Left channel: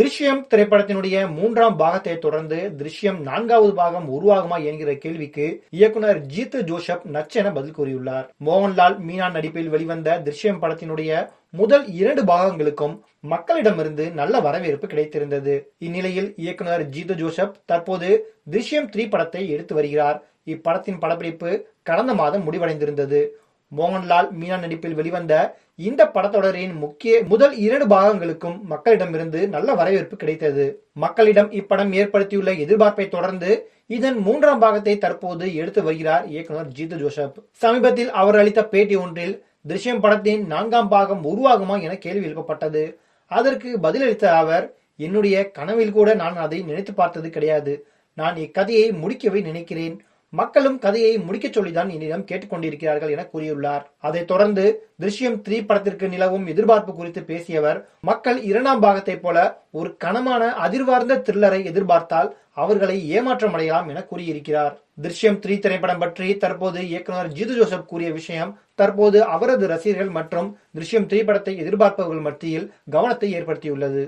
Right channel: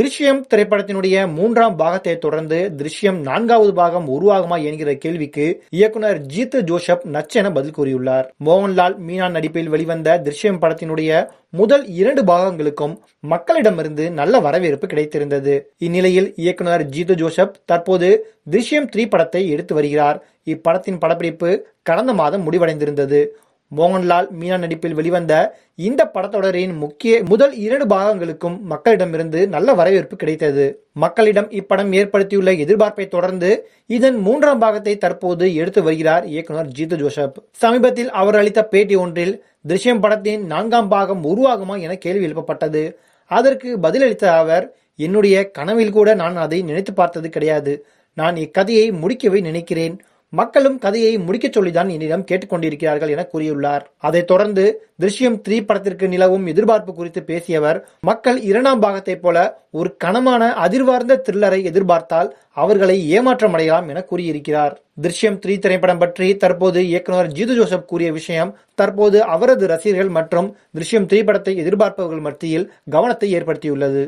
திருஷ்யம் திரைப்படத்தினுடைய 3ஆம் பாகத்தை தொடர்ந்து திருஷ்யம் 4வது பாகம் உருவாகுமா என்கிற கேள்விக்கு இயக்குனர் ஜீத்து ஜோசப் நச்சென பதில் கூறியுள்ளார். மோகன்லால், மீனா நடிப்பில் வெளிவந்த திருஷ்யம் படத்தினுடைய முதல் 2 பாகங்களுக்கும் மக்களிடமிருந்து நல்ல வரவேற்பு கிடைத்திருந்தது. இந்நிலையில் இயக்குனர் ஜீத்து ஜோசப் தற்போது திருஷ்யம் 3 படத்தை எடுத்து வருகிறார். இப்படத்தின் படப்பிடிப்பு கடந்த மாதம் முடிவடைந்திருந்தது. மோகன்லால், மீனா நடிப்பில் வெளிவந்த இந்த படத்தொடரின் முதல் 2 பாகங்களுக்கும் மக்களிடமிருந்து நல்ல வரவேற்பு கிடைத்தது. மக்களிடம் இப்படம் ஏற்படுத்தியுள்ள எதிர்பார்ப்பை தொடர்ந்து இதன் 3ஆம் பாகத்தை தற்போது எடுத்து வருகிறார் இயக்குனர் ஜீத்து ஜோசப். சமீபத்தில் அவர் அளித்த பேட்டி ஒன்றில் திருஷ்யம் படத்தின் 4ஆம் பாகம் உருவாகுமா என கேள்வி எழுப்பப்பட்டது. அதற்கு பதிலளித்த அவர், என்னுடைய கனவில் கூட நான் அதை நினைத்து பார்த்தது கிடையாது. நான் இக்கதையை முடிக்கவே நினைக்கிறேன். மக்களும் கதையை முடிக்க சொல்லிதான் என்னிடம் கேட்டுக்கொண்டிருக்கிறார்கள் என கூறியுள்ளார். அதைத் தொடர்ந்து திருஷ்யம் 3 படத்திற்கு நிலவும் எதிர்பார்ப்பு குறித்து பேசியவர், மக்கள் 2ஆம் பாகத்தை போல ஒரு கனமான அதிர்வார்ந்த த்ரில்லரை எதிர்பார்த்தால் அவர்களை ஏமாற்றம் அடையலாம் என கூறியிருக்கிறார். திருஷ்யம் 3 திரைப்படம் பற்றி தற்போது இயக்குனர் ஜீது ஜோசப் கூறிய விஷயம் தற்போது அவரது ரசிகர்கள் மற்றும் திருஷ்யம் 3 படத்தை எதிர்பார்ப்பவர்கள் மத்தியில் கவனத்தை ஏற்படுத்தியுள்ளது.